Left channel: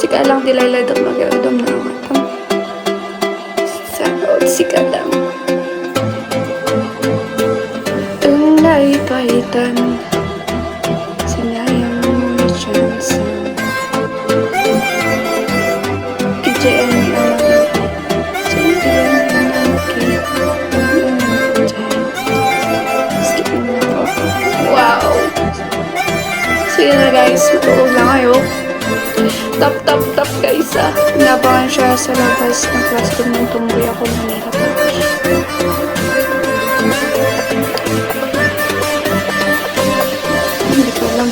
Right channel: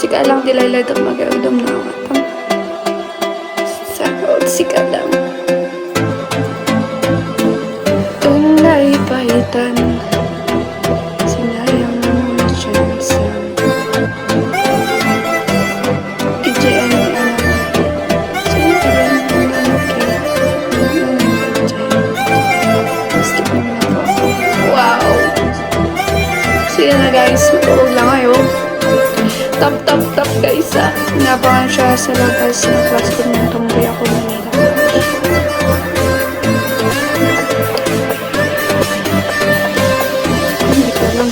Sika lang dilayladak mag-audom na ako. Sarot, sika lang. Unlay paitan, sinayang mo'y chance. Ijayan ni anak mo. Ijayan ni anak mo. Skip mo na po ako. Wow! Sige na guys, matuog lang kayo. Tap guys ah. Inabangan siya sa labas ng classroom ng tumboy ako Manila pa. Hindi ko alam.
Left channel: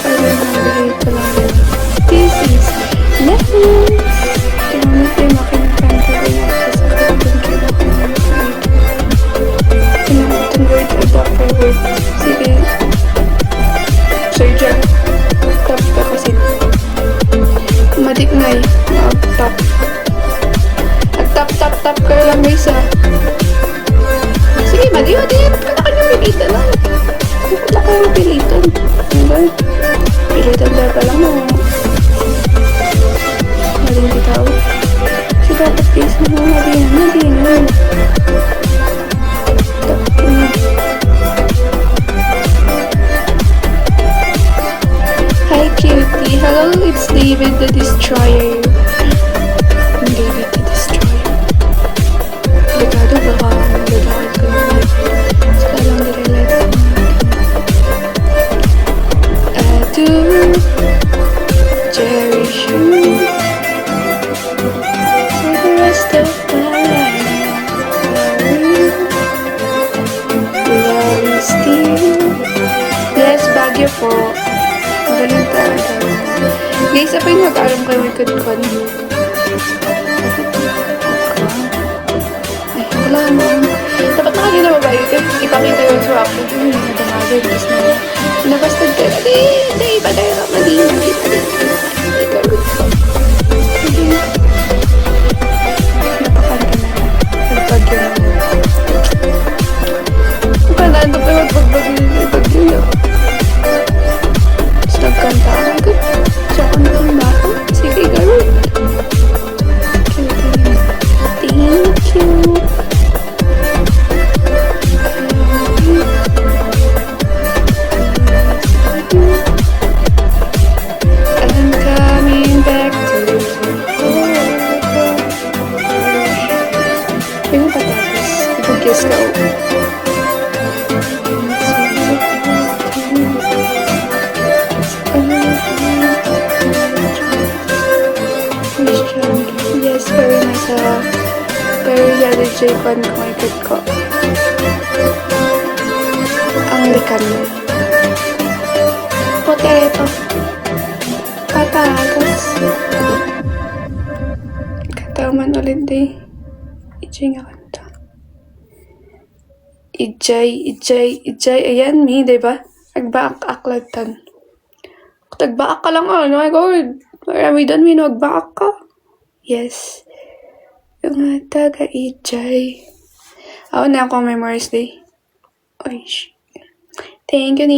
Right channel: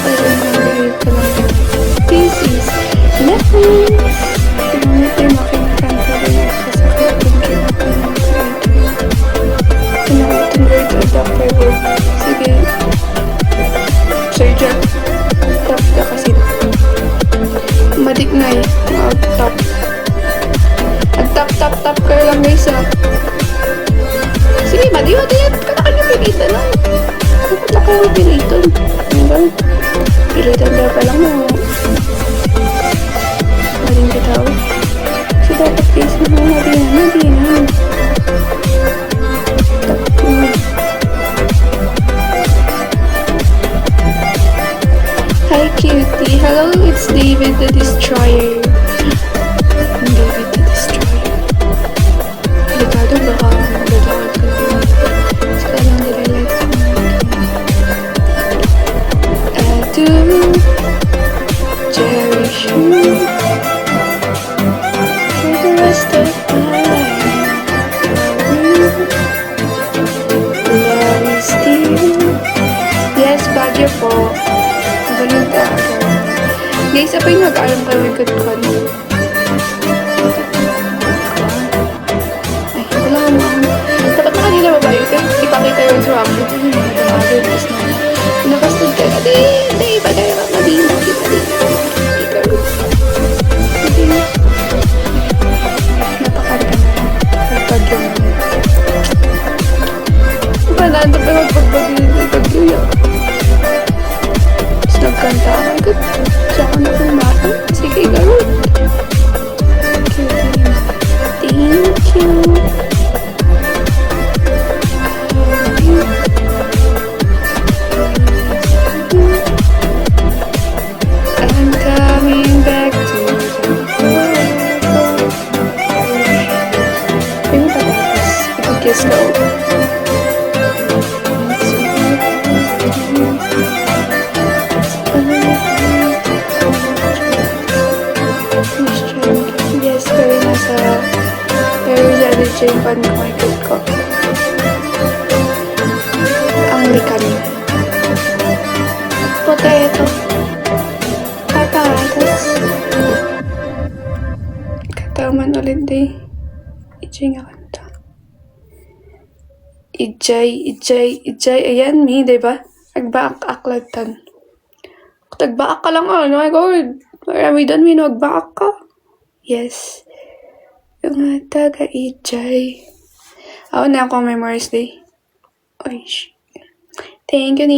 Parang nabihit ka lang yun. This is Lessons! Tinamit yung makinikanta rin at kasakit din kinakain ng creator. Pinakutan word to adapt by word. Sige. Sir Jack. Tap ka kasi. Madignay. Mag-tap. Tap kayo lang guys ah. Sige, madiwad yan. Kailangan yung pilitan lang. Kung lang kayo pilitan. Ano? Pilitan daw pa lang mo. Maling bitaw. Kasi dapat guys na madinan. Tap yun. Hi cutie. Hello, it's David the Destroyer. David the Destroyer. Delikado, baka magdadakal ka lang. Saka lang nilalight ko na. I do cherish you for the rest of my life. Love you still. Yes, Baguio po. Magaling talaga. Guys, apa yung mag-alam kayo may good con? Ay, wala ka mo. Dapat na kanina ba yun? Ipakita yung reaction. Ito yung nadamagin. Tapos na nakastad ka na. Di, iba tayo ka. Madina. Ikaw. Hindi. Napakanta na lang. Nagbagyo na lang. Panando pa yung magbagyo yan. Nagkanta ako. Ay, good. Siya ako nakanbahan. Sige, garot. Cute na. Thank you. I'm coming back to the world. Ay, yung patatas. Ipag-guess ka o. Yes, pero Daddy J pan market ko. Ang likan. Potato. Patatas. Kataman ulit day. Ijay nga kanta. Ijay. Ayan, diba? Agbaak-aklag tan. Tagbaak ka lang, oh my god. Marami doon, minagbaak ka. Yes. Yung taga-ijay. Ako na akong Memories Day. Oy, thank you,